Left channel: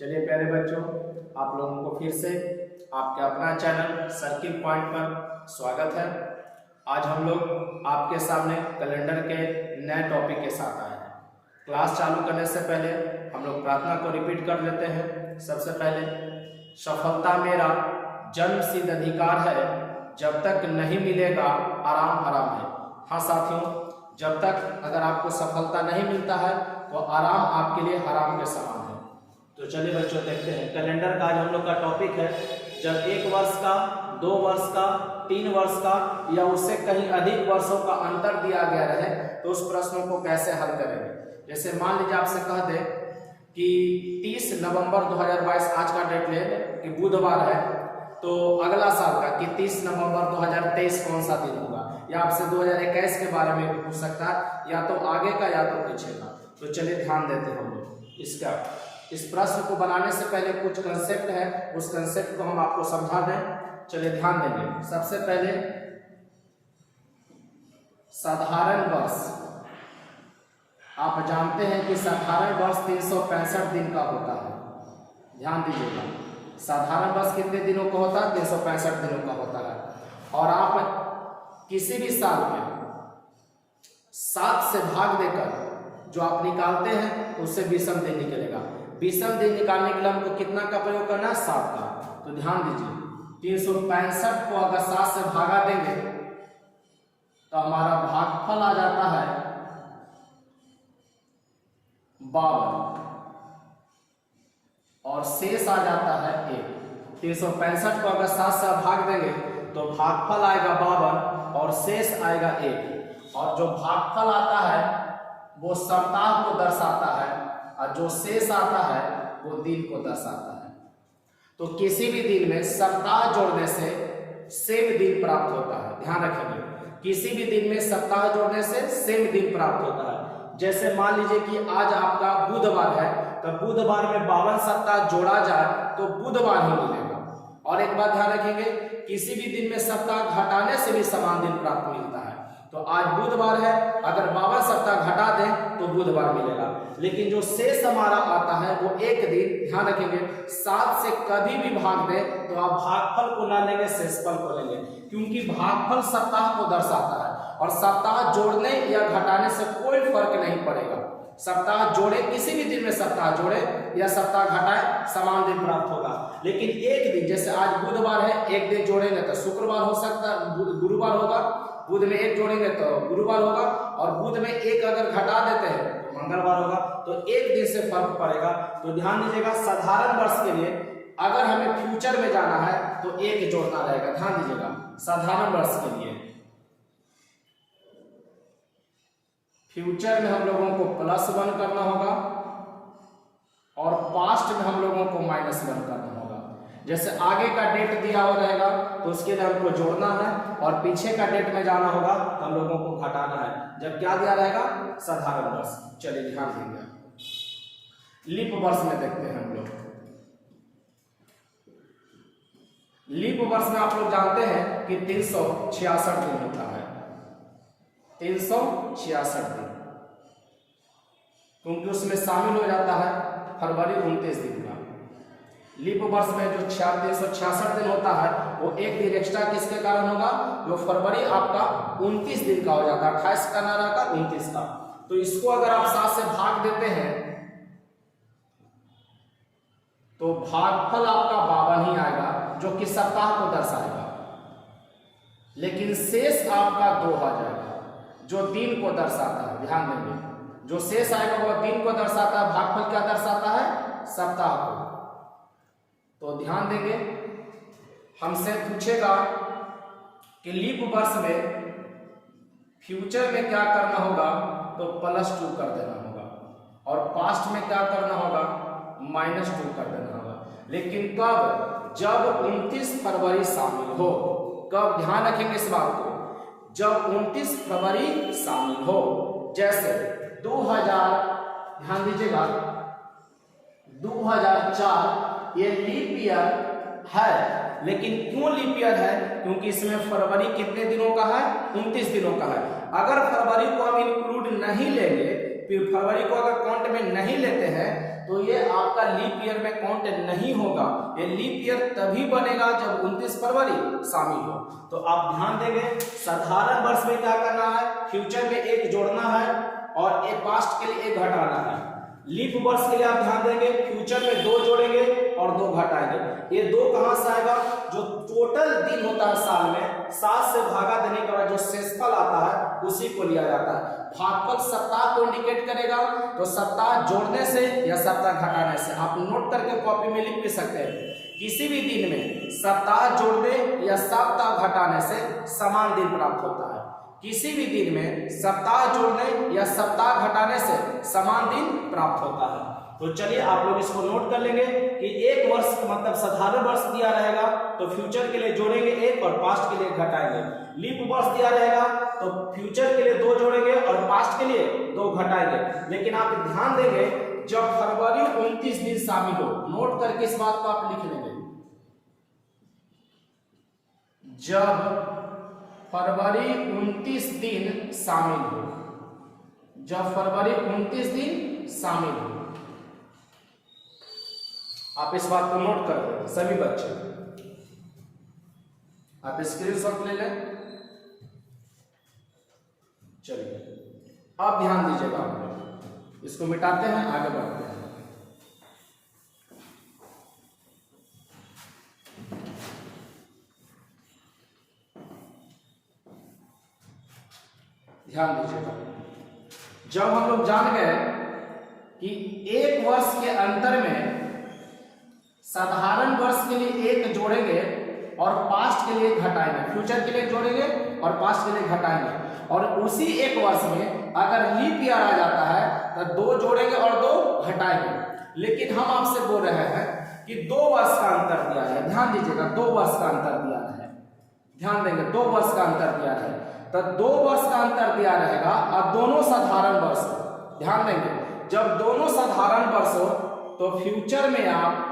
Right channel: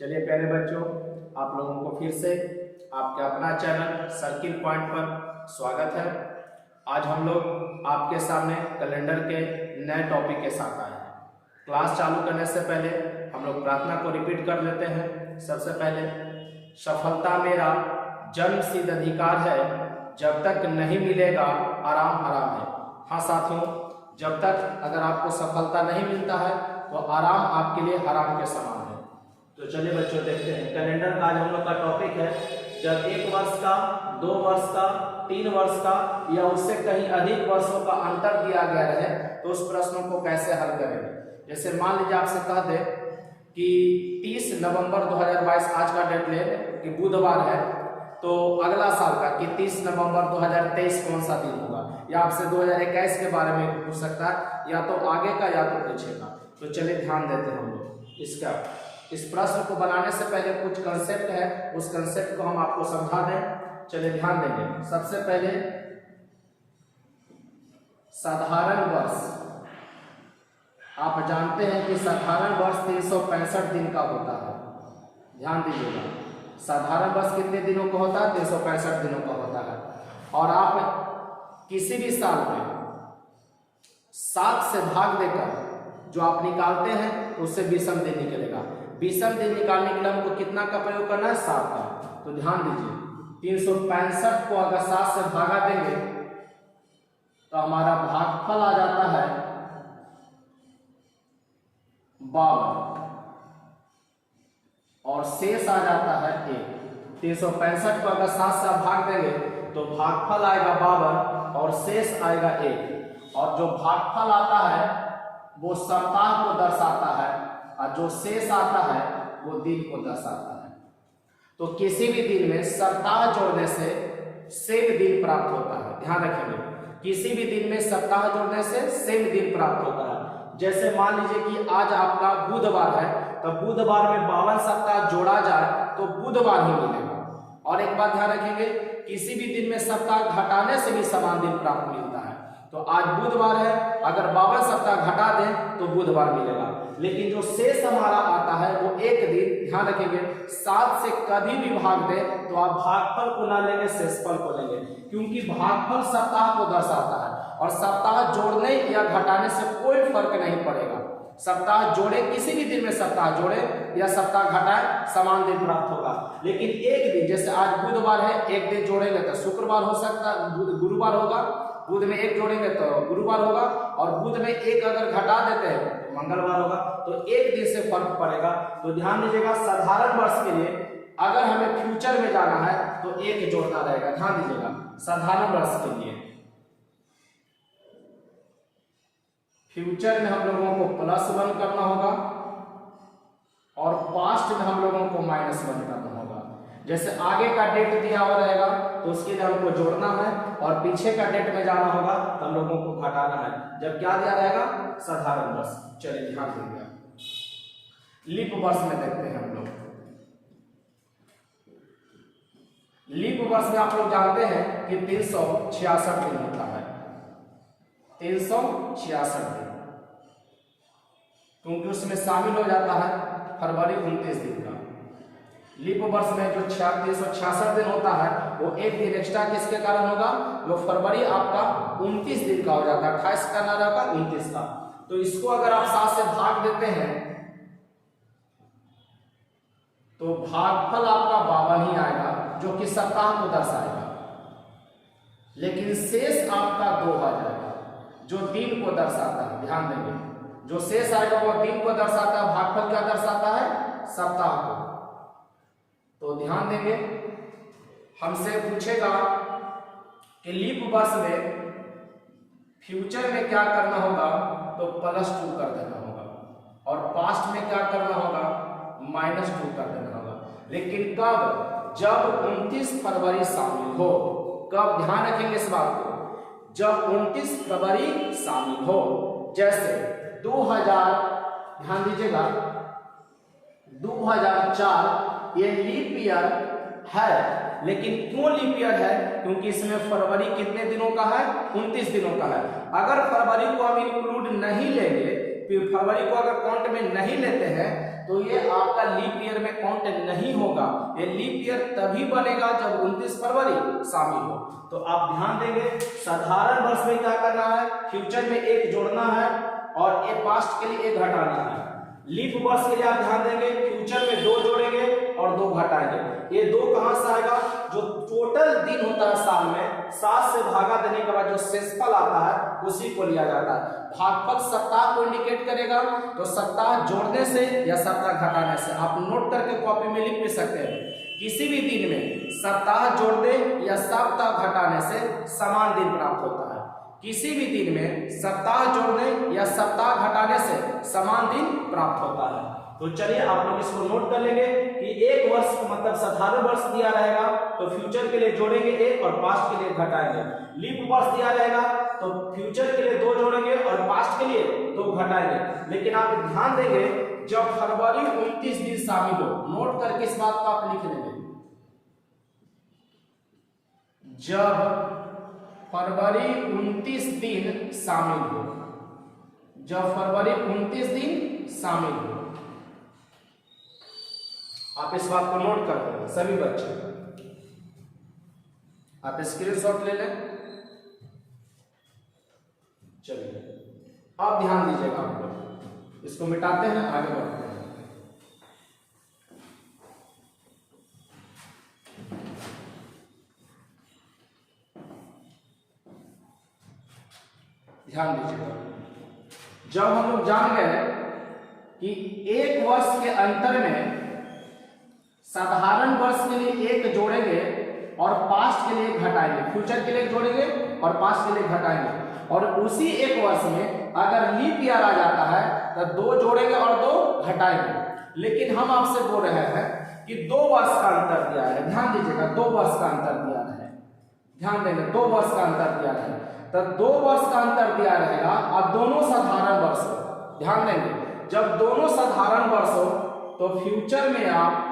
चलिए प्यारे बच्चों, आप लोगों को फिर से आपके अपना चैनल सर्किल पॉइंट पर स्वागत है। आज हम लोग आपके सामने कैलेंडर के नए टॉपिक के साथ आए हैं। क्लास चालू करने से पहले हम लोग प्रार्थना को रिपीट कर लेते हैं। सबसे पहले, सफलता मेरा जन्मसिद्ध अधिकार है, जब तक नहीं मिलेगा आराम हराम है। हाँ साथियों, जब तक अगर आपको सफलता नहीं मिलता है तो आराम आपके लिए हराम के समान है। तो चलिए बच्चों देखते हैं कैलेंडर का आज हम लोग का टॉपिक है, जब 1 वर्ष का, 2 वर्ष का, 3 वर्ष का या उससे कहीं अधिक वर्षों का अंतर दिया गया रहे तो उस प्रश्नों को कैसे हल करेंगे। जैसे मान लीजिए आपसे कह दे कि 30 नवंबर 2022 आज का डेट ले कि बुधवार है, तो अगला साल का कि 30 नवंबर 2023 कौन सा दिन होगा, या आपसे 2021 के बारे में पूछ सकता है, या तो आगे का या तो पीछे का। तो चलिए ध्यान देते हैं हम लोग इसका। इस प्रश्न को बनाने से पहले कुछ कंसेप्ट है, उस कंसेप्ट को हम आपको समझा दें। चलिए ध्यान देंगे। सबसे पहले साधारण वर्ष, आप जानते हैं कि साधारण वर्ष 365 दिन का होता है। ध्यान दीजिएगा, साधारण वर्ष कितने दिनों का होता है? 365 दिनों का होता है। और आप किसी भी साल में 7 से भाग देकर जो आप निकालते हैं उससे विषम दिन निकलेगा। विषम दिन निकालने के लिए हमको कितना का प्रयोग करना है? 7 का। तो ध्यान दीजिए, 365 को अगर 7 से भागा देंगे तो हमारा भागफल आ जाता है 52 और शेष आ जाता है 1। 365 को अगर 7 से भाग देंगे तो भागफल आएगा 52 और शेष आएगा 1। और जो भागफल आता है वो सप्ताह को दर्शाता है और जो शेष आता है वो दिन को दर्शाता है। तो किसी भी दिन में सप्ताह जोड़ने से सेम दिन प्राप्त होता है। ध्यान रखेंगे, किसी भी दिन में सप्ताह जोड़ने से सेम दिन प्राप्त होता है। जैसे मान लीजिए कि आज आपका बुधवार है, तो बुधवार में 52 सप्ताह जोड़ा जाए तो बुधवार ही मिलेगा। और एक बात ध्यान रखेंगे, किसी भी दिन में सप्ताह घटाने से भी समान दिन प्राप्त मिलता है। तो आज बुधवार है, अगर 52 सप्ताह घटा दें तो बुधवार मिलेगा। लेकिन जो शेष हमारा आता है वो एक दिन, ध्यान रखेंगे, 7 से कभी भी भाग दें तो आप भागफल को ना लेंगे, शेषफल को लेंगे, क्योंकि भागफल सप्ताह को दर्शाता है और सप्ताह जोड़ने या घटाने से कोई फर्क नहीं पड़ेगा। सप्ताह जोड़े, किसी भी दिन में सप्ताह जोड़े या सप्ताह घटाए, समान दिन प्राप्त होगा। लेकिन एक दिन, जैसे आज बुधवार है, एक दिन जोड़ेंगे तो शुक्रवार हो सकता है, गुरुवार होगा, बुध में 1 जोड़ेंगे तो गुरुवार होगा, और बुध में 1 अगर घटा देते हैं तो मंगलवार होगा। तो एक दिन से फर्क पड़ेगा। तो ध्यान दीजिएगा, साधारण वर्ष के लिए अगर हमें फ्यूचर में जाना है तो 1 जोड़ना रहेगा। ध्यान दीजिएगा, साधारण वर्ष के लिए फ्यूचर में हम लोगों को +1 करना होगा और पास्ट में हम लोगों को -1 करना होगा। जैसे आगे का डेट दिया हुआ रहेगा तो उसके लिए हमको जोड़ना है, और पीछे का डेट में जाना होगा तो हम लोगों को घटाना है। जब क्या दिया रहेगा? साधारण वर्ष। चलिए ध्यान देंगे, लीप वर्ष में देखते हैं हम लोग। लीप वर्ष में आप लोग जानते हैं कि 366 दिन होता है। 366 दिन, क्योंकि उसमें शामिल हो जाता है फरवरी 29 दिन का। लीप वर्ष में जो 366 दिन होता है वो एक दिन एक्स्ट्रा किसके कारण होगा? जो फरवरी आपका 29 दिन का हो जाता है, खास करना रहता है 29 का। तो इसको अगर आप 7 से भाग देते हैं तो भागफल आपका 52 ही आएगा, जो कि सप्ताह को दर्शाएगा। लेकिन शेष आपका 2 आ जाएगा, जो दिन को दर्शाता है। ध्यान देंगे, जो शेष आएगा वो दिन को दर्शाता है, भागफल क्या दर्शाता है? सप्ताह को। तो ध्यान देंगे, हमसे पूछेगा कि लीप वर्ष में फ्यूचर में क्या करना होगा, तो +2 कर देना होगा, और पास्ट में क्या करना होगा? -2 कर देना होगा। लेकिन कब? जब 29 फरवरी शामिल हो। कब? ध्यान रखेंगे इस बात को, जब 29 फरवरी शामिल हो। जैसे 2000, ध्यान दीजिएगा, 2004 ये लीप ईयर है। लेकिन क्यों लीप ईयर है? क्योंकि इसमें फरवरी कितने दिनों का है? 29 दिनों का है। अगर फरवरी को हम इंक्लूड नहीं लेंगे, फरवरी को अगर काउंट में नहीं लेते हैं तो ये आपका लीप ईयर में काउंट नहीं होगा। ये लीप ईयर तभी बनेगा जब 29 फरवरी शामिल हो। तो आप ध्यान देंगे, साधारण वर्ष में क्या करना है, फ्यूचर में एक जोड़ना है और एक पास्ट के लिए एक घटाना है। लीप वर्ष के लिए आप ध्यान देंगे, फ्यूचर में 2 जोड़ेंगे और 2 घटाएंगे। ये 2 कहां से आएगा, जो टोटल दिन होता है साल में 7 से भागा देने के बाद जो शेषफल आता है उसी को लिया जाता है। भागफल सप्ताह को इंडिकेट करेगा, तो सप्ताह जोड़ने से या सप्ताह घटाने से आप नोट करके कॉपी में लिख भी सकते हैं। किसी भी दिन में सप्ताह जोड़ने या सप्ताह घटाने से समान दिन प्राप्त होता है। किसी भी दिन में सप्ताह जोड़ने या सप्ताह घटाने से समान दिन प्राप्त होता है। तो चलिए आप लोग इसको नोट कर लेंगे कि एक वर्ष मतलब साधारण वर्ष दिया रहेगा तो फ्यूचर के लिए जोड़ेंगे 1 और पास्ट के लिए घटाएंगे। लीप वर्ष दिया रहेगा तो फ्यूचर के लिए 2 जोड़ेंगे और पास्ट के लिए 2 घटाएंगे। लेकिन आप ध्यान देंगे, जब फरवरी 29 दिन शामिल हो, नोट करके इस बात को आप लिख लेंगे, जब फरवरी 29 दिन शामिल हो, जब फरवरी 29 दिन शामिल हो, आप इस बात को नोट कर लें सभी बच्चे। आप स्क्रीनशॉट ले लें। चलिए आप ध्यान दीजिएगा, आप लोग इसको मिटाते हैं, आगे बढ़ते हैं। ध्यान दीजिएगा, जब हम लोग जान गए कि एक वर्ष के अंतर में साधारण वर्ष के लिए 1 जोड़ेंगे और पास्ट के लिए घटाएंगे, फ्यूचर के लिए जोड़ेंगे और पास्ट के लिए घटाएंगे, और उसी एक वर्ष में अगर लीप ईयर आ जाता है तो 2 जोड़ेंगे और 2 घटाएंगे। लेकिन हम आपसे बोल रहे हैं कि 2 वर्ष का अंतर दिया है। ध्यान दीजिएगा, 2 वर्ष का अंतर दिया है। ध्यान देंगे, 2 वर्ष का अंतर दिया है, तो 2 वर्ष का अंतर दिया रहेगा और दोनों साधारण वर्ष हो। ध्यान देंगे, जब दोनों साधारण वर्ष हो तो फ्यूचर में आप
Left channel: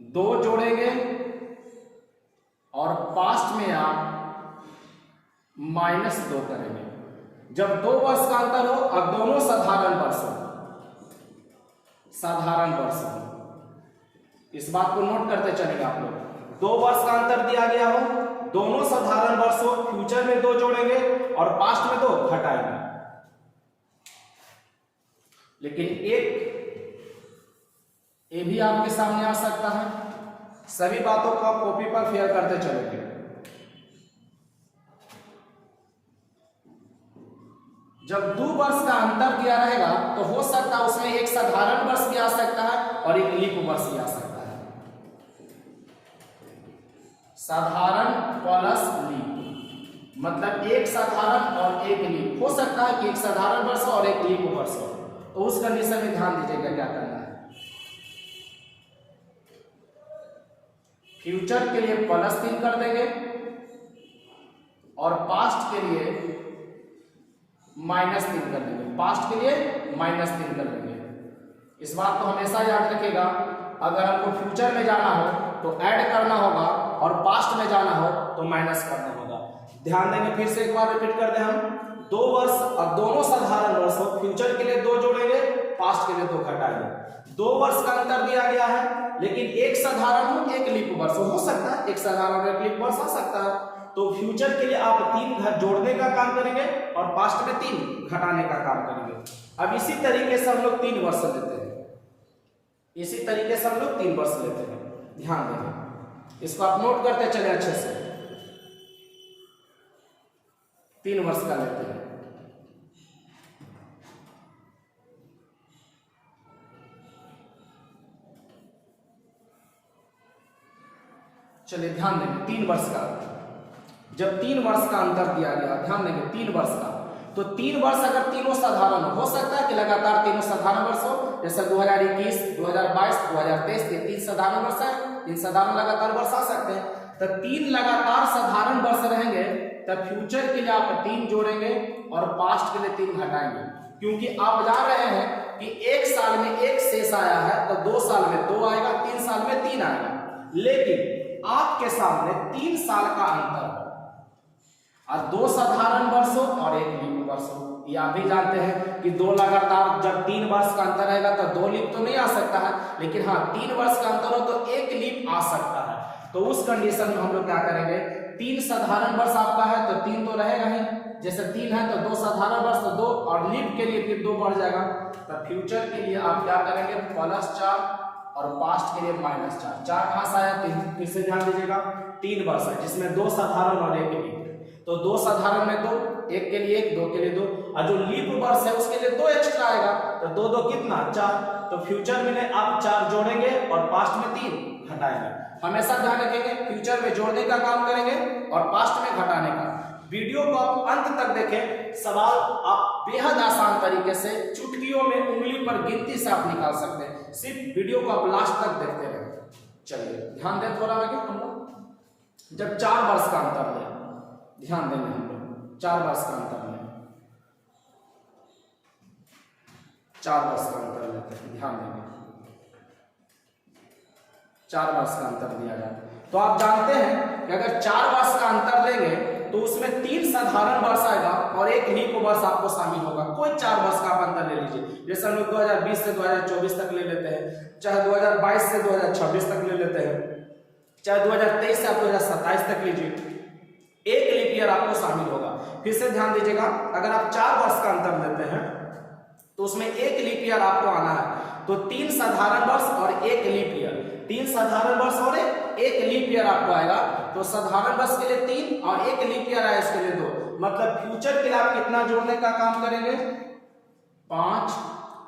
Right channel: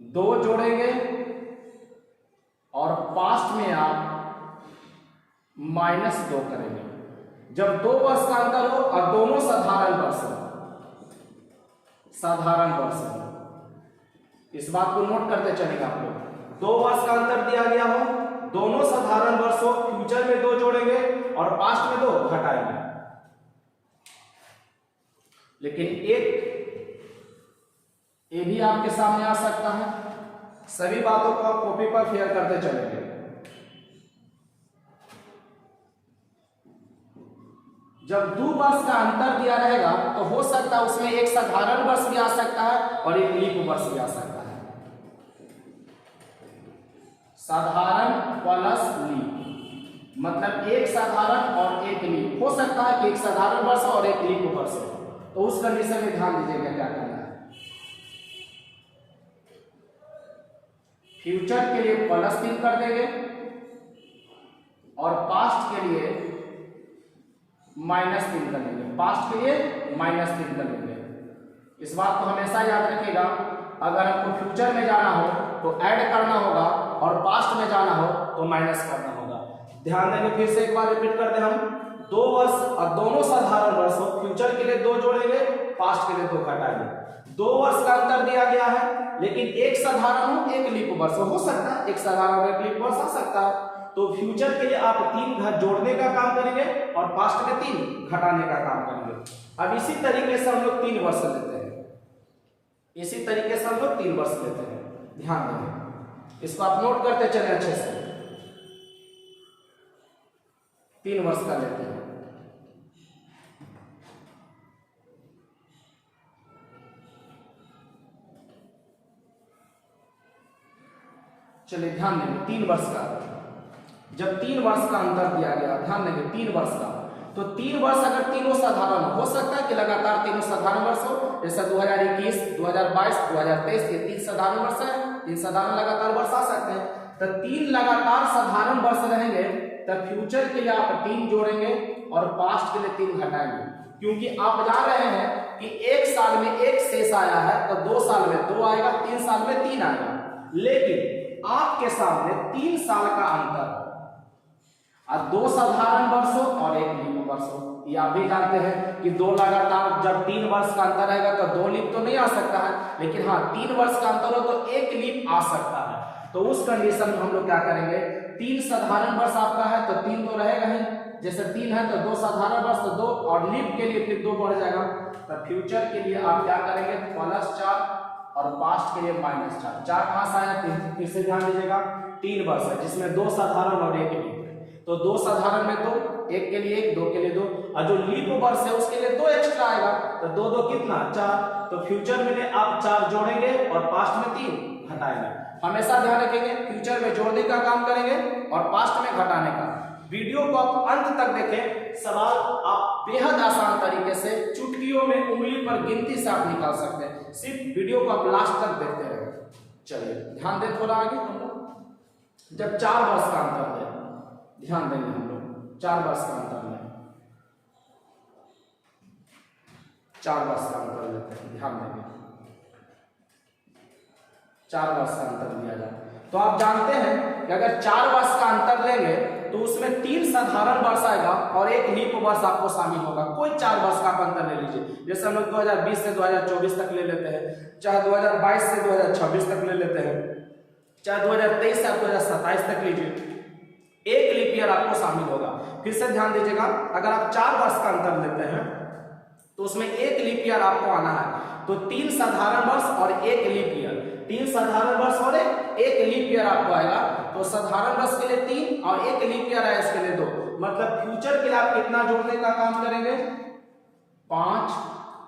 2 जोड़ेंगे और पास्ट में आप -2 करेंगे। जब 2 वर्ष का अंतर हो और दोनों साधारण वर्ष हो, साधारण वर्ष हो, इस बात को नोट करते चलेंगे आप लोग। 2 वर्ष का अंतर दिया गया हो, दोनों साधारण वर्ष हो, फ्यूचर में 2 जोड़ेंगे और पास्ट में 2 घटाएंगे। लेकिन एक ये भी आपके सामने आ सकता है। सभी बातों को आप कॉपी पर फेयर करते चलेंगे। जब 2 वर्ष का अंतर दिया रहेगा तो हो सकता है उसमें एक साधारण वर्ष भी आ सकता है और एक लीप वर्ष भी आ सकता है। साधारण प्लस लीप मतलब एक साधारण और एक लीप। हो सकता है कि एक साधारण वर्ष और एक लीप वर्ष हो, तो उस कंडीशन में ध्यान दीजिएगा क्या करना है। फ्यूचर के लिए +3 कर देंगे और पास्ट के लिए -3 कर देंगे। पास्ट के लिए -3 कर देंगे। इस बात को हमेशा याद रखिएगा, अगर आपको फ्यूचर में जाना हो तो ऐड करना होगा और पास्ट में जाना हो तो माइनस करना होगा। ध्यान देंगे, फिर से एक बार रिपीट करते हैं हम। 2 वर्ष और दोनों साधारण वर्ष हो, फ्यूचर के लिए 2 जोड़ेंगे, पास्ट के लिए 2 घटाएंगे। 2 वर्ष का अंतर दिया गया है, लेकिन एक साधारण हो एक लीप वर्ष हो सकता है, एक साधारण एक लीप वर्ष आ सकता है। तो फ्यूचर के लिए आप 3 घर जोड़ने का काम करेंगे और पास्ट में 3 घटाने का काम करेंगे। अब इसी तरीके से हम लोग 3 वर्ष लेते हैं, इसी तरीके से हम लोग 3 वर्ष लेते हैं। ध्यान देंगे, इसको आप नोट करते चले अच्छे से। 3 वर्ष का लेते हैं। चलिए ध्यान देंगे, 3 वर्ष का, जब 3 वर्ष का अंतर दिया गया, ध्यान देंगे 3 वर्ष का, तो 3 वर्ष अगर तीनों साधारण हो सकता है कि लगातार तीनों साधारण वर्ष हो, जैसे 2021, 2022, 2023 के 3 साधारण वर्ष है, 3 साधारण लगातार वर्ष आ सकते हैं। तो 3 लगातार साधारण वर्ष रहेंगे, तब फ्यूचर के लिए आप 3 जोड़ेंगे और पास्ट के लिए 3 घटाएंगे, क्योंकि आप जान रहे हैं कि एक साल में 1 शेष आया है तो 2 साल में 2 आएगा, 3 साल में 3 आएगा। लेकिन आपके सामने 3 साल का अंतर है और 2 साधारण वर्ष हो और 1 लीप वर्ष हो, ये आप भी जानते हैं कि दो लगातार जब 3 वर्ष का अंतर रहेगा तो 2 लीप तो नहीं आ सकता है, लेकिन हाँ 3 वर्ष का अंतर हो तो 1 लीप आ सकता है। तो उस कंडीशन में हम लोग क्या करेंगे, 3 साधारण वर्ष आपका है तो 3 तो रहेगा ही, जैसे 3 है तो 2 साधारण वर्ष तो 2, और लीप के लिए फिर 2 बढ़ जाएगा। तो फ्यूचर के लिए आप क्या करेंगे, +4 और पास्ट के लिए -4। 4 कहां से आया, फिर से ध्यान दीजिएगा 3 वर्ष है जिसमें 2 साधारण और 1 लीप, तो 2 साधारण में 2, 1 के लिए 1, 2 के लिए 2, और जो लीप वर्ष है उसके लिए 2 एक्स्ट्रा आएगा, तो 2 2 कितना 4। तो फ्यूचर में आप 4 जोड़ेंगे और पास्ट में 3 घटाएंगे। हमेशा ध्यान रखेंगे फ्यूचर में जोड़ने का काम करेंगे और पास्ट में घटाने का। वीडियो को आप अंत तक देखें, सवाल आप बेहद आसान तरीके से चुटकियों में उंगली पर गिनती से आप निकाल सकते हैं, सिर्फ वीडियो को आप लास्ट तक देखते रहे। चलिए ध्यान दें थोड़ा आगे, हम लोग जब 4 वर्ष का अंतर है, ध्यान देंगे हम लोग 4 वर्ष का अंतर में, 4 वर्ष का अंतर लेते हैं, ध्यान देंगे 4 वर्ष का अंतर दिया जाए तो आप जानते हैं कि अगर 4 वर्ष का अंतर लेंगे तो उसमें 3 साधारण वर्ष आएगा और 1 लीप वर्ष आपको शामिल होगा। कोई 4 वर्ष का अंतर ले लीजिए, जैसे हम लोग 2020 से 2024 तक ले लेते हैं, चाहे 2022 से 2026 तक ले लेते हैं, चाहे 2023 से 2027 तक लीजिए, 1 लीप ईयर आपको शामिल होगा। फिर से ध्यान दीजिएगा, अगर आप 4 वर्ष का अंतर लेते हैं तो उसमें 1 लीप ईयर आपको आना है, तो 3 साधारण वर्ष और 1 लीप ईयर, 3 साधारण वर्ष और 1 लीप ईयर आपको आएगा। तो साधारण वर्ष के लिए 3 और 1 लीप ईयर आया इसके लिए 2, मतलब फ्यूचर के लिए आप कितना जोड़ने का काम करेंगे, 5,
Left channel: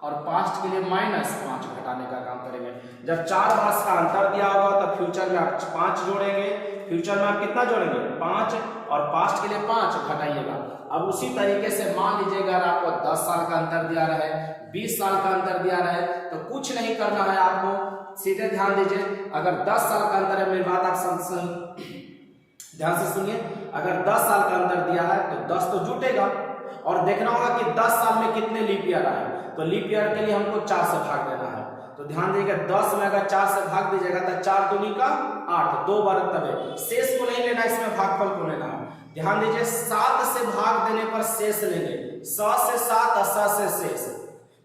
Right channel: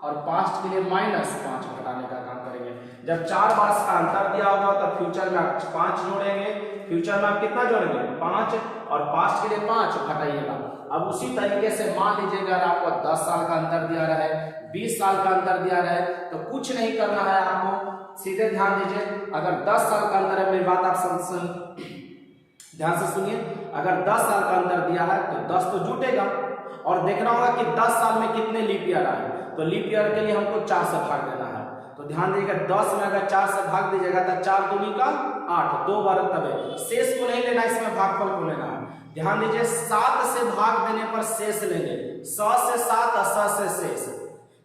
और पास्ट के लिए -5 घटाने का काम करेंगे। जब 4 वर्ष का अंतर दिया होगा तो फ्यूचर में आप 5 जोड़ेंगे, फ्यूचर में आप कितना जोड़ेंगे 5, और पास्ट के लिए 5 घटाइएगा। अब उसी तरीके से मान लीजिएगा अगर आपको 10 साल का अंतर दिया रहे, 20 साल का अंतर दिया रहे, तो कुछ नहीं करना है आपको, सीधे ध्यान दीजिए, अगर 10 साल का अंतर है, मेरी बात आप ध्यान से सुनिए, अगर 10 साल का अंतर दिया है तो 10 तो जुटेगा, और देखना होगा कि 10 साल में कितने लीप ईयर आए, तो लीप ईयर के लिए हमको 4 से भाग देना है। तो ध्यान दीजिएगा 10 में अगर 4 से भाग दीजिएगा तो 4 दूनी का 8, 2 बार तबे, शेष को नहीं लेना, इसमें भागफल को लेना है। ध्यान दीजिए 7 से भाग देने पर शेष लेंगे, 100 से 7 और 100 से शेष,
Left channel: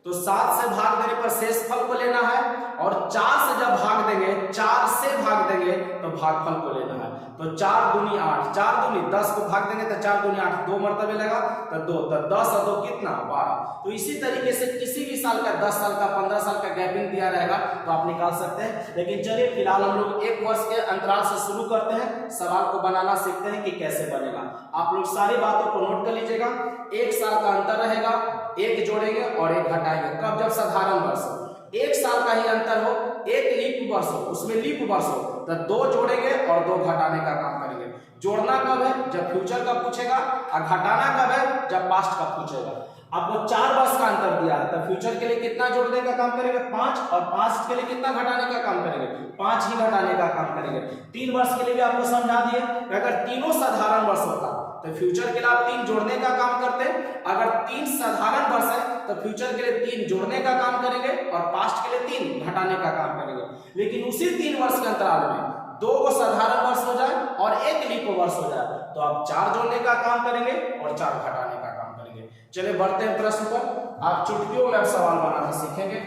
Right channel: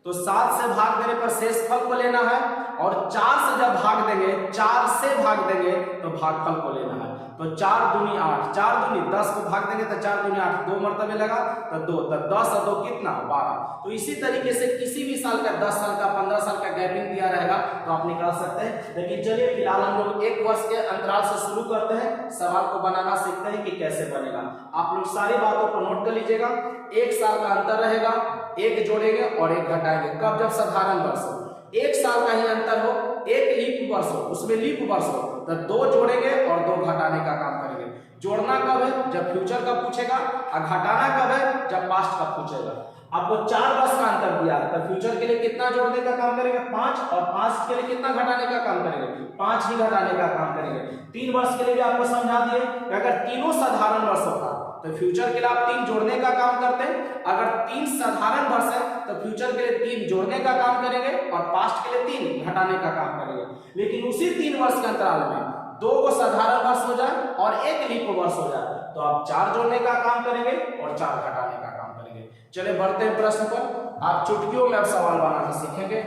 तो 7 से भाग देने पर शेष फल को लेना है, और 4 से जब भाग देंगे, 4 से भाग देंगे तो भागफल को लेना है। तो 4 दूनी 8, 4 दूनी 10 को भाग देंगे तो 4 दूनी 8, 2 मरतबे लगा तो 2, तो 10 और 2 कितना 12। तो इसी तरीके से किसी भी साल का 10 साल का 15 साल का गैपिंग दिया रहेगा तो आप निकाल सकते हैं। लेकिन चलिए फिलहाल हम लोग 1 वर्ष के अंतराल से शुरू करते हैं, सवाल को बनाना सीखते हैं कि कैसे बनेगा। आप लोग सारी बातों को नोट कर लीजिएगा। 1 साल का अंतर रहेगा, 1 जोड़ेंगे और 1 घटाएंगे, कब, जब साधारण वर्ष हो। 1 साल का ही अंतर हो, 1 लीप वर्ष हो, उसमें लीप वर्ष हो तो 2 जोड़ेंगे और 2 घटाने का काम करेंगे। जोड़ना कब है, जब फ्यूचर का पूछेगा, और घटाना कब है, जब पास्ट का पूछेगा। आपको 4 वर्ष का अंतर दिया है तो फ्यूचर के लिए कितना जोड़ने का काम करेंगे 5, और पास्ट के लिए कितना घटाने का काम करेंगे 5 ही घटाने का काम करेंगे। 3 वर्ष के लिए भी आपको समझा दिए कि अगर तीनों साधारण वर्ष होता तो फ्यूचर के लिए आप 3 जोड़ने का काम करते हैं, अगर 3 साधारण वर्ष है तो फ्यूचर के लिए 3 जोड़ने का काम करेंगे और पास्ट के लिए 3 घटाने का काम करेंगे। लेकिन उसी 3 वर्ष के अंतराल में 2 को साधारण वर्ष हो जाए और 1 लीप वर्ष हो जाए तो आप 4 जोड़ने का काम करेंगे और 4 घटाने का काम करेंगे। चलिए बढ़ते हैं प्रश्न पर। आप चुटकियों में आप सवाल बनाना सीखेंगे,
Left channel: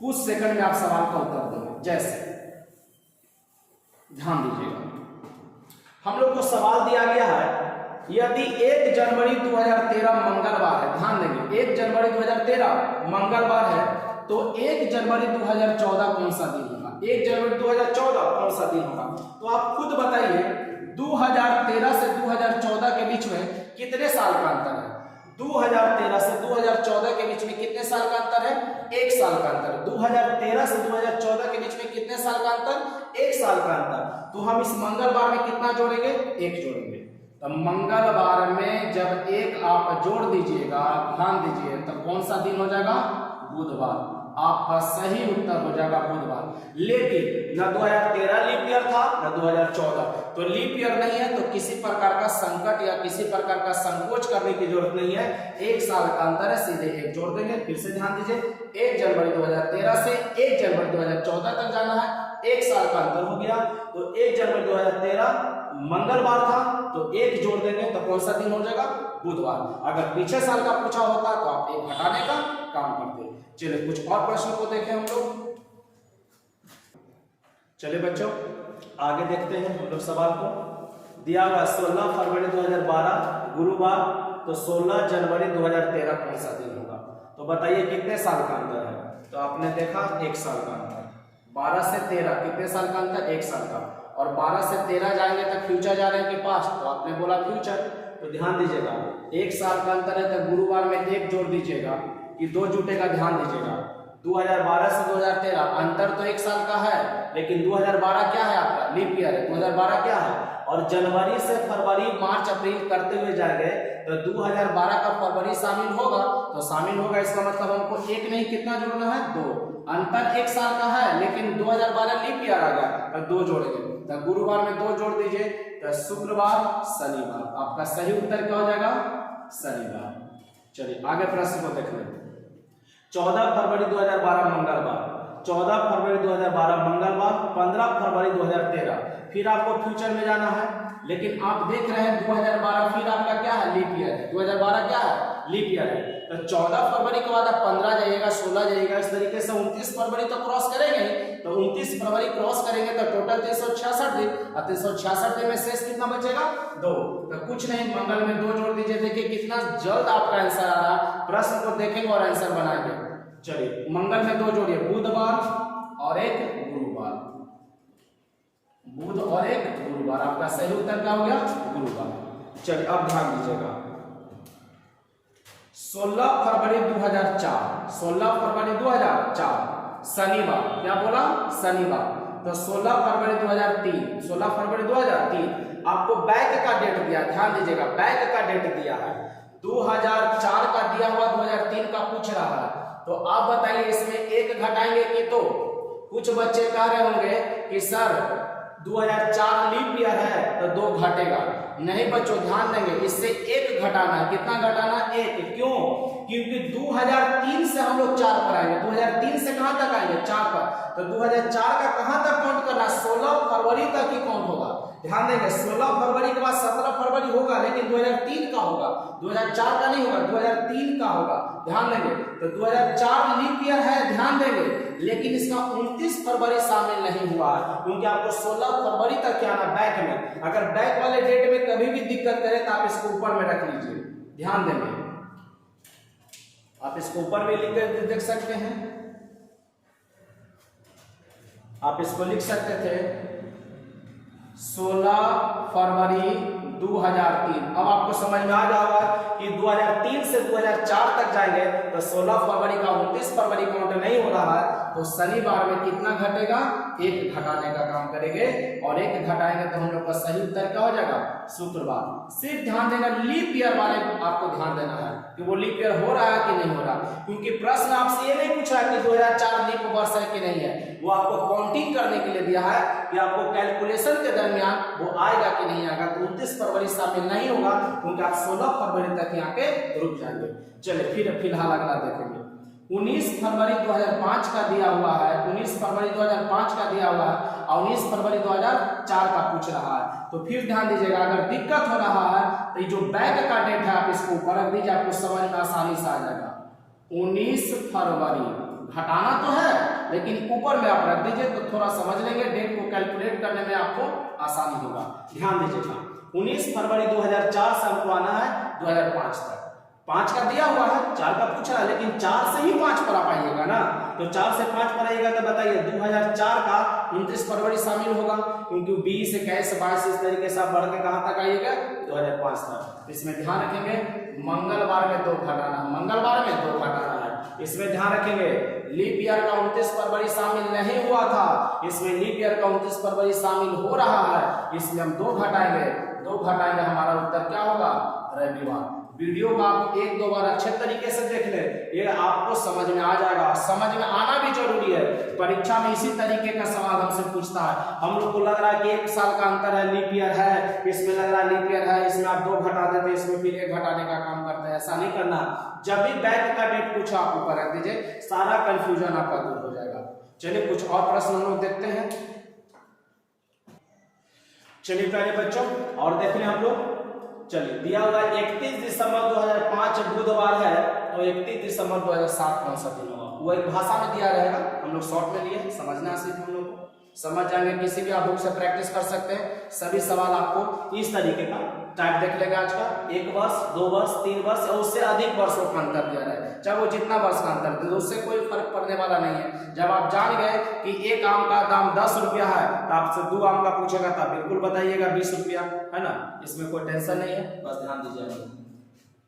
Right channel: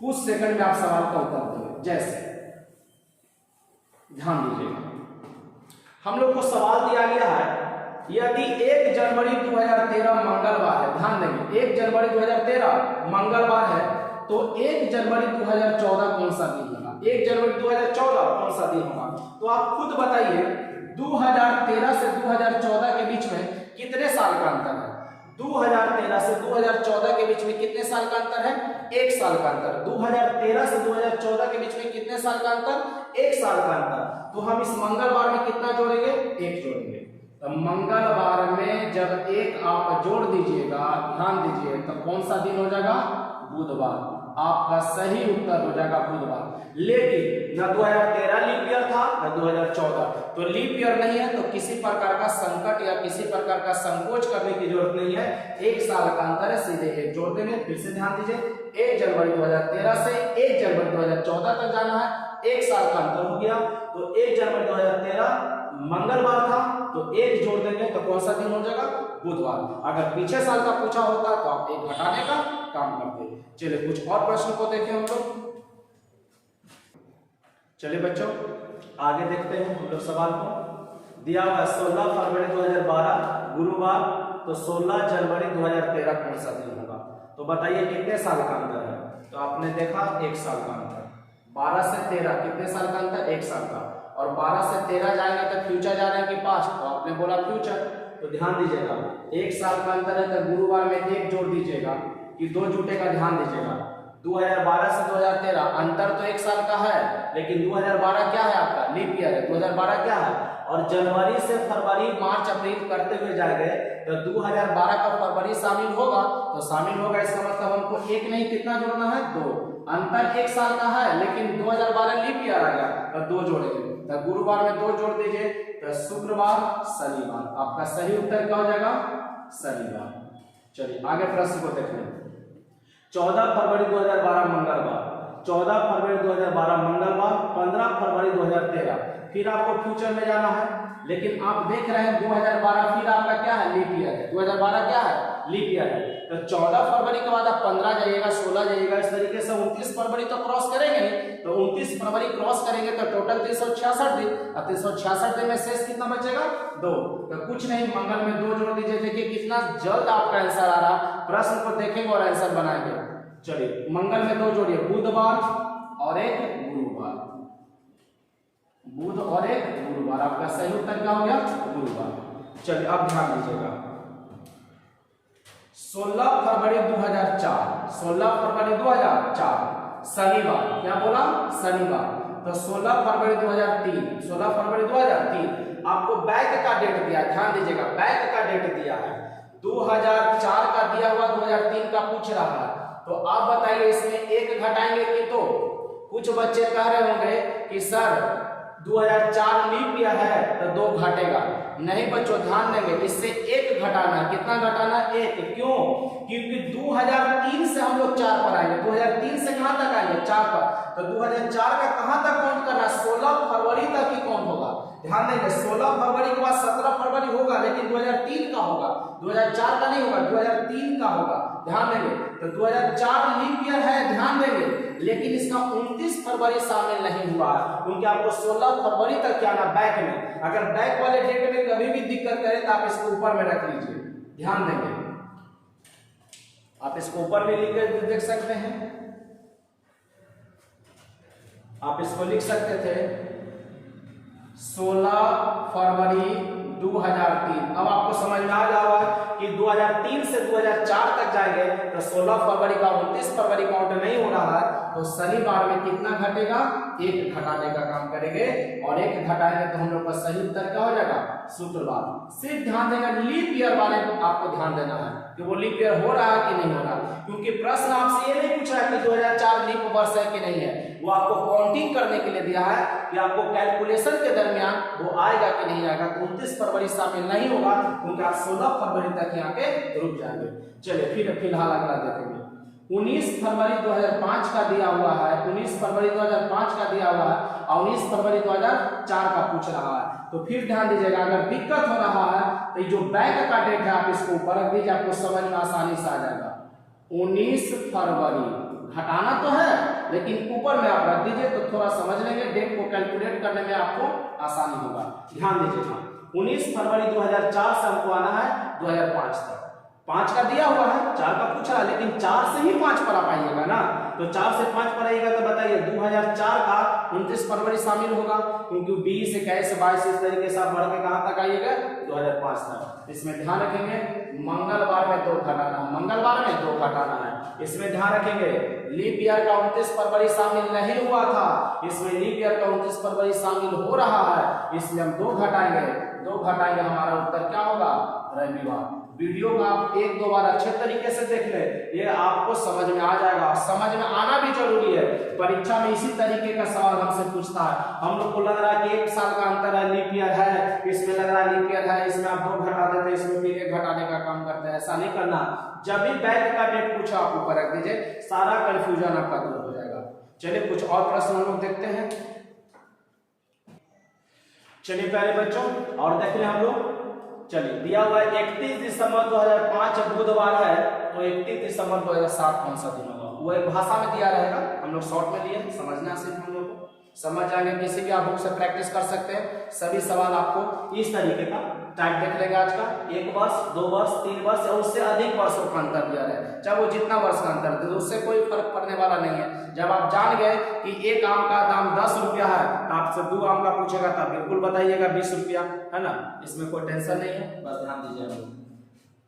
कुछ सेकंड में आप सवाल का उत्तर देंगे। जैसे ध्यान दीजिएगा, हम लोग को सवाल दिया गया है, यदि 1 जनवरी 2013 मंगलवार है, ध्यान देंगे 1 जनवरी 2013 मंगलवार है तो 1 जनवरी 2014 कौन सा दिन होगा, 1 जनवरी 2014 कौन सा दिन होगा। तो आप खुद बताइए 2013 से 2014 के बीच में कितने साल का अंतर है। 2013 से 2014 के बीच में कितने साल का अंतर है, 1 साल का अंतर। 2013 से 2014 के बीच में कितने साल का अंतर, 1 साल का अंतर। तो हम इस मंगलवार में कितना जोड़ेंगे, 1 जोड़ेंगे। तो मंगलवार में जब 1 आप जोड़ दीजिएगा, ध्यान दीजिए, तो कौन सा दिन हो जाएगा, बुधवार। आपका सही उत्तर हो जाएगा बुधवार। लेकिन न 2013 लीप ईयर था न 2014, तो लीप ईयर नहीं है तो किसी प्रकार का संकट या किसी प्रकार का संकोच करने की जरूरत नहीं है। 1 साल का अंतर है, सीधे 1 जोड़ देंगे। फिर से ध्यान दीजिए, 1 जनवरी 2013 से 1 जनवरी 2014 तक जाना है, 1 साल का अंतर हो गया। तो 1 जनवरी 2013 मंगलवार था तो एक जोड़ देंगे तो कौन सा दिन हो जाएगा, बुधवार। अगर पीछे साल का पूछा होता तो आप एक घटाने का काम करते। चलिए कुछ और प्रश्न को देखें हम लोग। चलिए बच्चों आगे देखते हैं हम लोग सवाल को। दिया हुआ 16 फरवरी 2012 गुरुवार, तो 16 जनवरी 2013 कौन सा दिन होगा। तो बताइए कितने साल का अंतर है। तो आपने देखा 1 साल का अंतर। 12 से 13 कितने साल का अंतर, 1 साल का। और 12 से 13 जाएंगे तो फ्यूचर जा रहे हैं कि पास्ट, तो आपने बोला फ्यूचर। तो ध्यान दीजिएगा 1 साल का अंतर है तो गुरुवार में 1 जोड़ दीजिएगा कि 2 जुटेगा, ध्यान दीजिएगा। 2012 से 2013 अंतर तो 1 साल का है, लेकिन 2012 क्या है आपका, लीप ईयर है। 2012 क्या है, और जनवरी से फरवरी मार्च अप्रैल करते हुए जाएंगे तो 2012 का फरवरी शामिल होगा, तो शामिल होगा इसका मतलब हमको 1 नहीं कितना जोड़ना है, 2। अंतर 1 साल का है लेकिन 2012 लीप ईयर आ गया तो 2 जोड़ेंगे। तो गुरुवार में 2 जोड़ दीजिए तो शुक्रवार शनिवार, आपका सही उत्तर क्या हो जाएगा, शनिवार। चलिए आगे प्रश्न को देख लें। 14 फरवरी 2012 मंगलवार, 14 फरवरी 2012 मंगलवार, 15 फरवरी 2013। फिर आपको फ्यूचर में जाना है, लेकिन आप देख रहे हैं 2012 फिर आपका क्या है, लीप ईयर है। 2012 क्या है, लीप ईयर है। तो 14 फरवरी के बाद आप 15 जाइएगा, 16 जाइएगा, इस तरीके से 29 फरवरी तो क्रॉस करेंगे ही। तो 29 फरवरी क्रॉस करेंगे तो टोटल 366 दिन, और 366 दिन में शेष कितना बचेगा, 2। तो कुछ नहीं, मंगल में 2 जोड़ दीजिए। देखिए कितना जल्द आपका आंसर आ रहा। प्रश्न को देखेंगे और आंसर बनाएंगे। चलिए मंगल में 2 जोड़िए, बुधवार और एक गुरुवार, बुध और एक गुरुवार, आपका सही उत्तर क्या हो गया, गुरुवार। चलिए अब ध्यान दीजिएगा 16 फरवरी 2004, 16 फरवरी 2004 शनिवार, क्या बोला, शनिवार। तो 16 फरवरी 2003, 16 फरवरी 2003 आपको बैक का डेट दिया, ध्यान दीजिएगा बैक का डेट दिया है। 2004 का दिया हुआ, 2003 का पूछ रहा है। तो आप बताइए इसमें 1 घटाएंगे कि 2। कुछ बच्चे कह रहे होंगे कि सर 2004 लीप ईयर है तो 2 घटेगा। नहीं बच्चों ध्यान देंगे, इससे 1 घटाना है। कितना घटाना है, 1। क्यों, क्योंकि 2003 से हम लोग 4 पर आएंगे। 2003 से कहां तक आएंगे, 4 पर। तो 2004 का कहां तक काउंट करना, 16 फरवरी तक ही काउंट होगा। ध्यान देंगे 16 फरवरी के बाद 17 फरवरी होगा, लेकिन 2003 का होगा, 2004 का नहीं होगा, 2003 का होगा। ध्यान देंगे तो 2004 लीप ईयर है, ध्यान देंगे, लेकिन इसका 29 फरवरी शामिल नहीं हुआ, क्योंकि आपको 16 फरवरी तक क्या आना बैक में। अगर बैक वाले डेट में कभी भी दिक्कत करे तो आप इसको ऊपर में रख लीजिए। ध्यान देंगे आप इसको ऊपर में लिख कर देख सकते हैं, आप इसको लिख सकते थे 16 फरवरी 2003। अब आपको समझ में आ जाएगा कि 2003 से 2004 तक जाएंगे तो 16 फरवरी का 29 फरवरी काउंट नहीं हो रहा है, तो शनिवार में कितना घटेगा, 1 घटाने का काम करेंगे, और 1 घटाएंगे तो हम लोग का सही उत्तर क्या हो जाएगा, शुक्रवार। सिर्फ ध्यान देगा लीप ईयर वाले को आपको ध्यान देना है कि वो लीप ईयर हो रहा है कि नहीं हो रहा, क्योंकि प्रश्न आपसे ये नहीं पूछा है कि 2004 लीप वर्ष है कि नहीं है, वो आपको काउंटिंग करने के लिए दिया है कि आपको कैलकुलेशन के दरमियान वो आएगा कि नहीं आएगा। तो 29 फरवरी शामिल नहीं होगा, क्योंकि आप 16 फरवरी तक यहाँ के रुक जाएंगे। चलिए फिर फिलहाल अगला देखेंगे। 19 फरवरी 2005 का दिया हुआ है, 19 फरवरी 2005 का दिया हुआ है, और 19 फरवरी 2004 का पूछ रहा है। तो फिर ध्यान दीजिएगा, अगर दिक्कत हो रहा है तो ये जो बैक का डेट है आप इसको ऊपर रख दीजिए, आपको समझ में आसानी से आ जाएगा। 19 फरवरी घटाना तो है, लेकिन ऊपर में आप रख दीजिए तो थोड़ा समझ लेंगे, डेट को कैलकुलेट करने में आपको आसानी होगा। ध्यान दीजिएगा 19 फरवरी 2004 से हमको आना है 2005 तक। 5 का दिया हुआ है, 4 का पूछा है, लेकिन 4 से ही 5 पर आप आइएगा ना, तो 4 से 5 पर आइएगा तो बताइए 2004 का 29 फरवरी शामिल होगा, क्योंकि 20, 21, 22 इस तरीके से आप बढ़ के कहां तक आइएगा, 2005 तक। इसमें ध्यान रखेंगे मंगलवार में 2 घटाना है, मंगलवार में 2 घटाना है। इसमें ध्यान रखेंगे लीप ईयर का 29 फरवरी शामिल नहीं हुआ था, इसमें लीप ईयर का 29 फरवरी शामिल हो रहा है, इसलिए हम 2 घटाएंगे, 2 घटाएंगे, हमारा उत्तर क्या होगा, रविवार। वीडियो को आप 1-2 बार अच्छे तरीके से देख ले, ये आपको समझ में आ जाएगा। समझ में आना भी जरूरी है, परीक्षा में इसी तरीके का सवाल हमसे पूछता है। हम लोग को लग रहा है कि 1 साल का अंतर है, लीप ईयर है, इसमें लग रहा है लीप ईयर है, इसमें आप 2 घटा देते हैं, इसमें फिर 1 घटाने का काम करते हैं। ऐसा नहीं करना, जब भी बैक का डेट पूछा आप ऊपर रख दीजिए, सारा कंफ्यूजन आपका दूर हो जाएगा। चलिए कुछ और प्रश्न हम लोग देखते हैं। चलिए प्यारे बच्चों और देख लें हम लोग। चलिए दिया हुआ 31 दिसंबर 2005 बुधवार है, तो 31 दिसंबर 2007 कौन सा दिन होगा? वो एक भाषा में दिया रहेगा, हम लोग शॉर्ट में लिए, समझना सिर्फ हम लोग को समझ जाएंगे। किसी भी आप बुक से प्रैक्टिस कर सकते हैं। सभी सवाल आपको इस तरीके का टाइप देख लेगा आज का। 1 वर्ष, 2 वर्ष, 3 वर्ष और उससे अधिक वर्षों का अंतर दिया है, चाहे वो जितना वर्ष का अंतर दे, तो उससे कोई फर्क पड़ने वाला नहीं है। जब आप जान गए कि एक आम का दाम 10 रुपया है, तो आपसे 2 आम का पूछेगा तो बिल्कुल बताइएगा 20 रुपया, है ना, इसमें कोई टेंशन नहीं है, बस ध्यान दीजिएगा।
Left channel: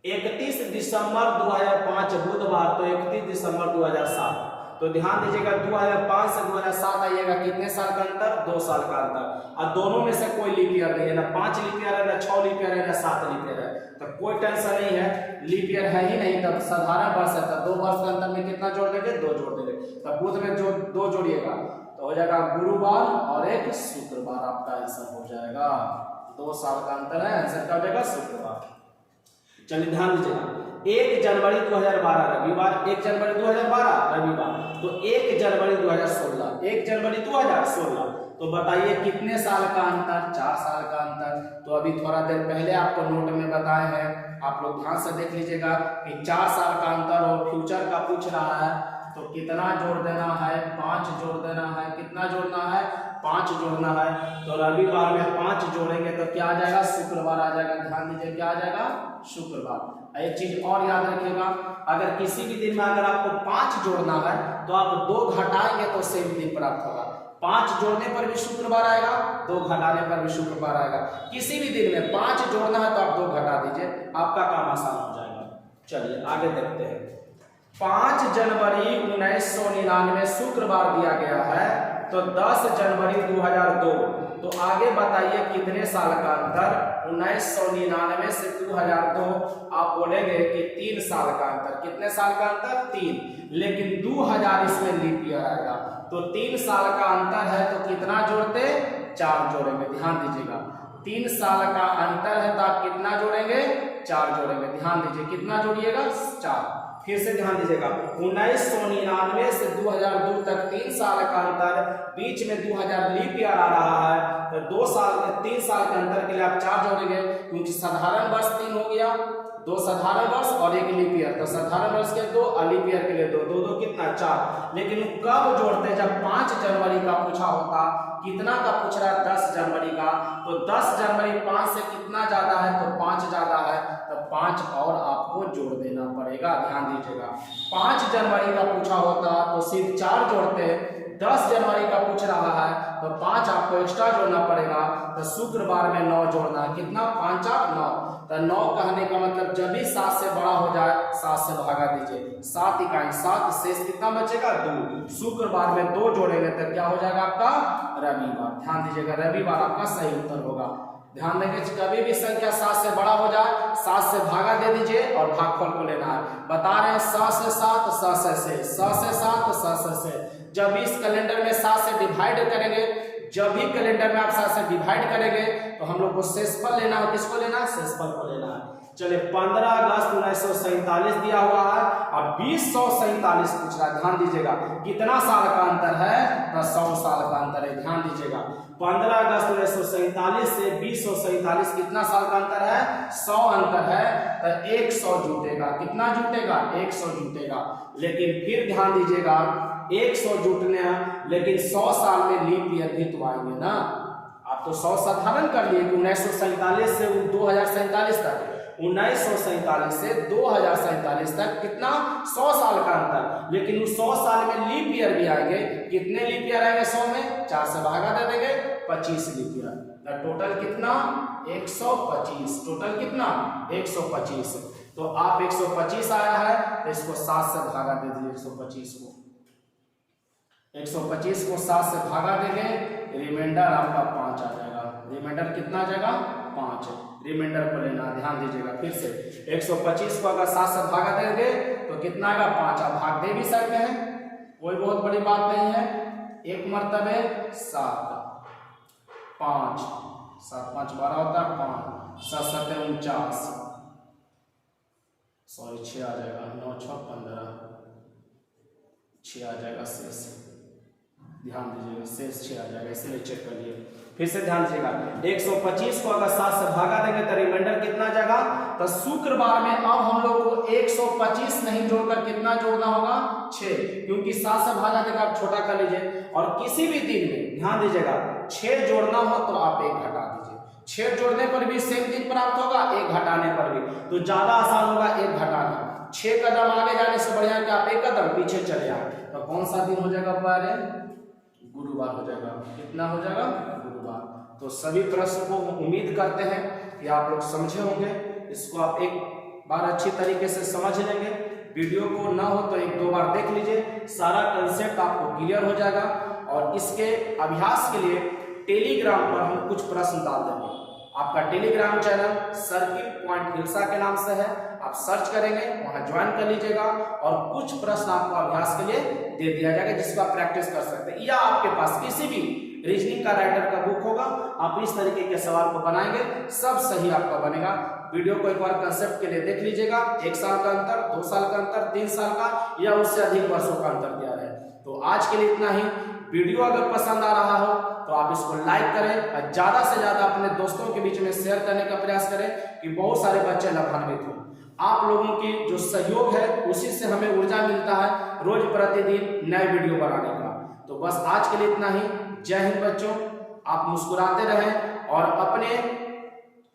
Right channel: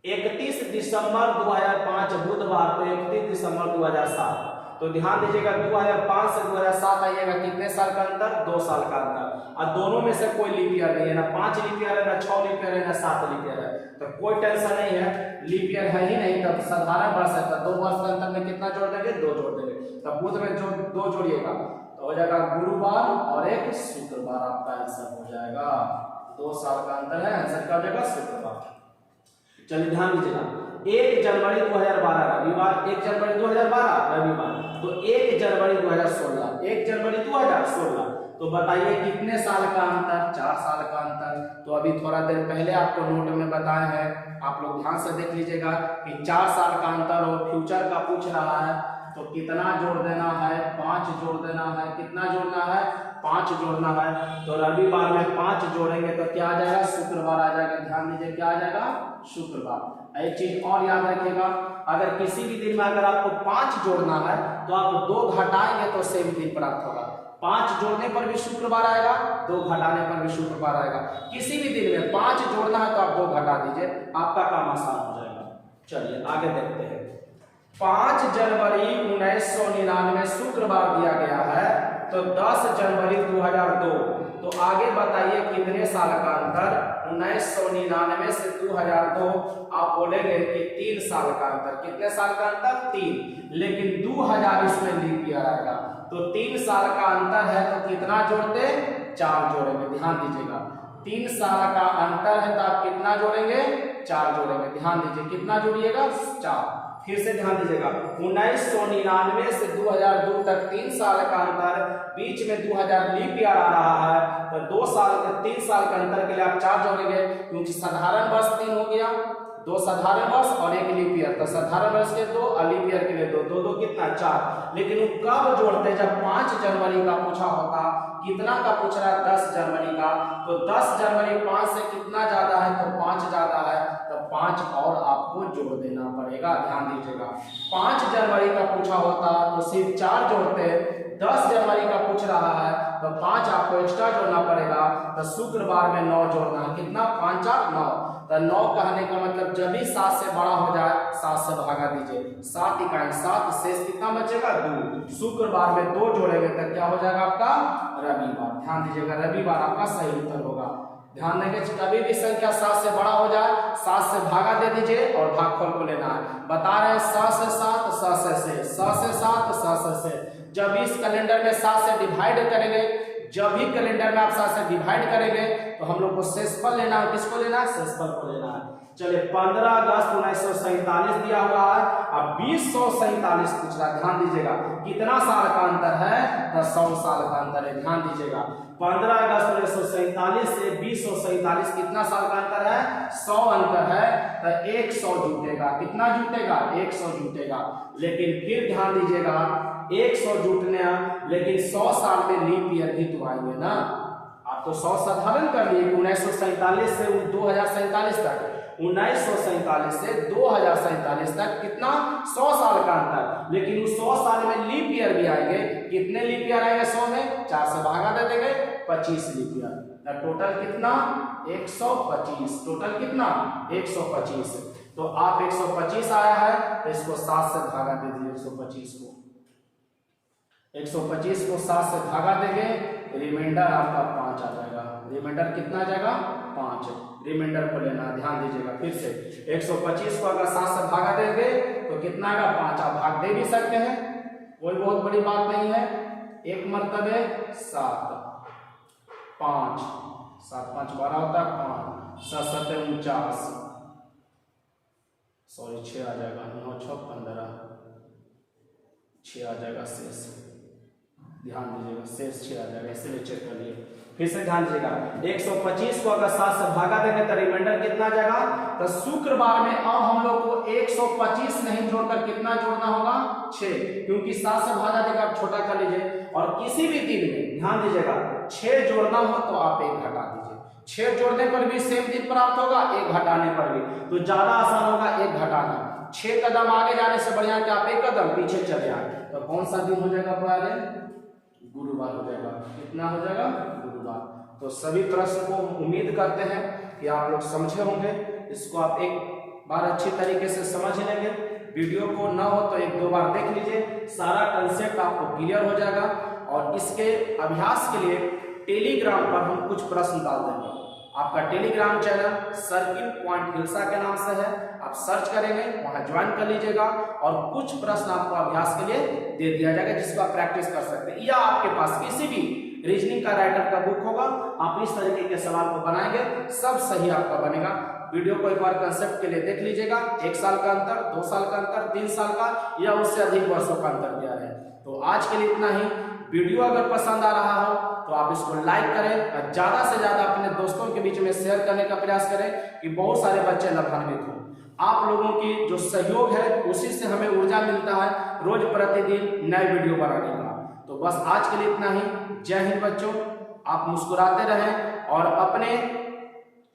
31 दिसंबर 2005 बुधवार, तो 31 दिसंबर 2007, तो ध्यान दीजिएगा 2005 से 2007 आइएगा, कितने साल का अंतर? 2 साल का अंतर। और दोनों में से कोई लीप ईयर नहीं है, ना 5 लीप ईयर है, ना 6 लीप ईयर है, ना 7 लीप ईयर है, तो कोई टेंशन नहीं है। लीप ईयर है ही नहीं, तब साधारण वर्ष है, तब 2 वर्ष के अंतर में कितना जोड़ देंगे? 2 जोड़ देंगे। तब बुध में जो 2 जोड़िएगा तो हो जाएगा गुरुवार और एक शुक्रवार, आपका आंसर हो जाएगा। 2 साल का अंतर है, आंसर क्या हो जाएगा? शुक्रवार। चलिए ध्यान दीजिएगा, 1 जनवरी 2012 रविवार, 1 जनवरी 2012 रविवार, तो 1 जनवरी 2016, 1 जनवरी 2016, तो बताइए कितने साल का अंतर? 4 साल का अंतर। तो अभी थोड़ा देर पहले आपको नोट में बताए हैं, आप लोग ध्यान से देख लीजिएगा कि 4 साल का अंतर और फ्यूचर का पूछ रहा है, तो कितना जोड़ देना है? 5 जोड़ देना है। कितना जोड़ना है? 5 जोड़ना है। तो रविवार में 5 जोड़ेंगे तो क्या आ जाएगा? शुक्रवार आ जाएगा। ध्यान दीजिए, क्या आ जाएगा? शुक्रवार। एक चीज और याद रखिएगा, अगर किसी भी दिन में अगर आपको 5 जोड़ना है तो आप 2 घटाएंगे तो सेम दिन प्राप्त होगा। 5 जोड़ने पर भी शुक्रवार आएगा, 2 घटाने पर भी शुक्रवार आएगा। किसी भी दिन में 5 जोड़ना है तो आप 2 घटा दीजिए, आपका काम आसान हो जाएगा। चलिए आगे देखते हैं। 5 जनवरी 1999 शुक्रवार दिया गया है, तो 10 जनवरी 2002, तो आगे बताइए कितने साल का अंतर? 1999 से 2002, आप बोलेंगे कि 3 साल का अंतर। कितने साल का अंतर? 3, लेकिन 2000 इसमें लीप ईयर आएगा, तो 3 साल का अंतर है, तो कितना जोड़ते? 4 जोड़ेंगे। ध्यान दीजिएगा, 3 साल का अंतर है तो आप कितना जोड़ेंगे? 4 जोड़ेंगे। ध्यान दीजिए, कितना जोड़िएगा? 4। फिर से ध्यान दीजिएगा, 1999 से 2002 तक 3 साल का अंतर, बीच में 2000 लीप ईयर आ रहा है, तो 2 साल 3 साल के अंतर के लिए आप 4 जोड़ेंगे, क्योंकि साधारण वर्ष 3 हो गया, 2 साधारण वर्ष और 1 लीप ईयर, तो साधारण वर्ष के 2 और लीप ईयर के लिए 2, 2 कितना? 4। लेकिन वो कब जोड़ते? जब 5 जनवरी का पूछा होता। कितना का पूछ रहा है? 10 जनवरी का, तो 10 जनवरी 5 से कितना ज्यादा है? तो 5 ज्यादा है, तो 5 और आपको जोड़ देना पड़ेगा। ध्यान दीजिएगा, 5 जनवरी का पूछा होता तो सिर्फ 4 जोड़ते, 10 जनवरी का पूछ रहा है तो 5 आपको एक्स्ट्रा जोड़ना पड़ेगा, तो शुक्रवार में 9 जोड़ना है। कितना? 5 और 9, तो 9 कहने का मतलब जब भी 7 से बड़ा हो जाए 7 से भागा दीजिए, 7 इकाई 7, शेष कितना बचेगा? 2। शुक्रवार में 2 जोड़ेंगे तो क्या हो जाएगा आपका? रविवार। ध्यान दीजिएगा, रविवार आपका सही उत्तर होगा। ध्यान देंगे, कभी भी संख्या 7 से बड़ा हो जाए 7 से भागा दे दीजिए और भागफल को लेना है। बता रहे हैं 7 से 7, 7 से 7 से 7, 7 से। जब इस कैलेंडर में 7 से डिवाइड करेंगे, जब भी कैलेंडर में आप 7 से डिवाइड करेंगे तो हम लोग को शेषफल लेना है। किसको लेना है? शेषफल को लेना है। चलिए 15 अगस्त 1947 दिया हुआ है और 2047 पूछ रहा है। ध्यान दीजिएगा, कितना साल का अंतर है? तो 100 साल का अंतर है। ध्यान दीजिएगा, 15 अगस्त 1947 से 2047 कितना साल का अंतर है? 100 अंतर है, तो 100 जुटेगा। कितना जुटेगा? 100 जुटेगा। लेकिन फिर ध्यान दीजिएगा, 100 जुटने, लेकिन 100 साल में लीप ईयर भी तो आएंगे ना। आप तो 100 साधारण कर लिए कि 1947 से 2047 तक, 1947 से 2047 तक कितना? 100 साल का अंतर, लेकिन उस 100 साल में लीप ईयर भी आएंगे। कितने लीप ईयर आएंगे? 100 में 4 से भागा दे देंगे, 25 लीप ईयर। टोटल कितना? 125। टोटल कितना? 125। तो आप 125 आया है तो इसको 7 से भागा दे दीजिए। 125 को 7 से भागा देंगे, रिमाइंडर आपका 5 आ जाएगा। रिमाइंडर कितना आ जाएगा? 5। रिमाइंडर को लेना, ध्यान दीजिएगा। फिर से 125 को अगर 7 से भागा देंगे तो कितना आएगा? 5। आप भाग दे भी सकते हैं, कोई बहुत बड़ी बात नहीं है। एक मर्तबे 7, 5, 7 5 12 होता है, 5 7 7 49, सॉरी 6 आ जाएगा, 9 6 15, 6 आ जाएगा शेष। ध्यान दीजिएगा, शेष 6 आ जाएगा, इसीलिए चेक कर लिए। फिर से ध्यान दीजिएगा, 125 को अगर 7 से भागा देंगे तो रिमाइंडर कितना जाएगा। तो शुक्रवार में अब हम लोग को 125 नहीं जोड़कर कितना जोड़ना होगा, 6, क्योंकि 7 से भागा देगा, आप छोटा कर लीजिए। और किसी भी दिन में ध्यान दीजिएगा 6 जोड़ना हो तो आप 1 घटा दीजिए। 6 जोड़ने पर भी सेम दिन प्राप्त होगा, 1 घटाने पर भी, तो ज्यादा आसान होगा 1 घटाना। 6 कदम आगे जाने से बढ़िया कि आप 1 कदम पीछे चले आए। तो कौन सा दिन हो जाएगा प्यारे, गुरुवार हो जाएगा। कितना हो जाएगा, गुरुवार। तो सभी प्रश्न को उम्मीद करते हैं कि आप लोग समझे होंगे। इसको आप एक बार अच्छी तरीके से समझ लेंगे। वीडियो को ना हो तो 1-2 बार देख लीजिए, सारा कंसेप्ट आपको क्लियर हो जाएगा। और इसके अभ्यास के लिए टेलीग्राम पर हम कुछ प्रश्न डाल देंगे। आपका Telegram channel circle point hilsa के नाम से है, आप सर्च करेंगे, वहां ज्वाइन कर लीजिएगा और कुछ प्रश्न आपको अभ्यास के लिए दे दिया जाएगा जिसको आप प्रैक्टिस कर सकते हैं। या आपके पास किसी भी रीजनिंग का राइटर का बुक होगा, आप इस तरीके के सवाल को बनाएंगे, सब सही आपका बनेगा। वीडियो को एक बार कंसेप्ट के लिए देख लीजिएगा। 1 साल का अंतर, 2 साल का अंतर, 3 साल का या उससे अधिक वर्षों का अंतर दिया है। तो आज के लिए इतना ही। वीडियो अगर पसंद आ रहा हो तो आप इसको लाइक करें और ज्यादा से ज्यादा अपने दोस्तों के बीच में शेयर करने का प्रयास करें कि बहुत सारे बच्चे लाभान्वित हों। आप लोगों की जो सहयोग है उसी से हमें ऊर्जा मिलता है रोज प्रतिदिन नए वीडियो बनाने का। तो बस आज के लिए इतना ही। जय हिंद बच्चों, आप मुस्कुराते रहें और अपने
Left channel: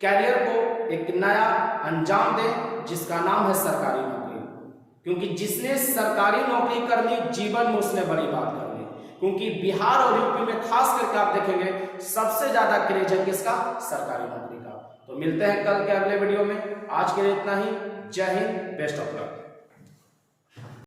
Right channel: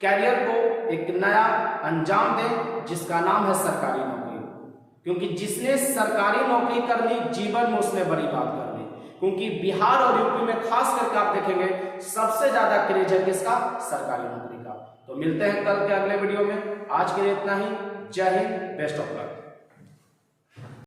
कैरियर को एक नया अंजाम दें जिसका नाम है सरकारी नौकरी। क्योंकि जिसने सरकारी नौकरी करनी, जीवन में उसने बड़ी बात करनी। क्योंकि बिहार और यूपी में खास करके आप देखेंगे सबसे ज्यादा क्रेज है किसका, सरकारी नौकरी का। तो मिलते हैं कल के अगले वीडियो में। आज के लिए इतना ही। जय हिंद, बेस्ट ऑफ लक।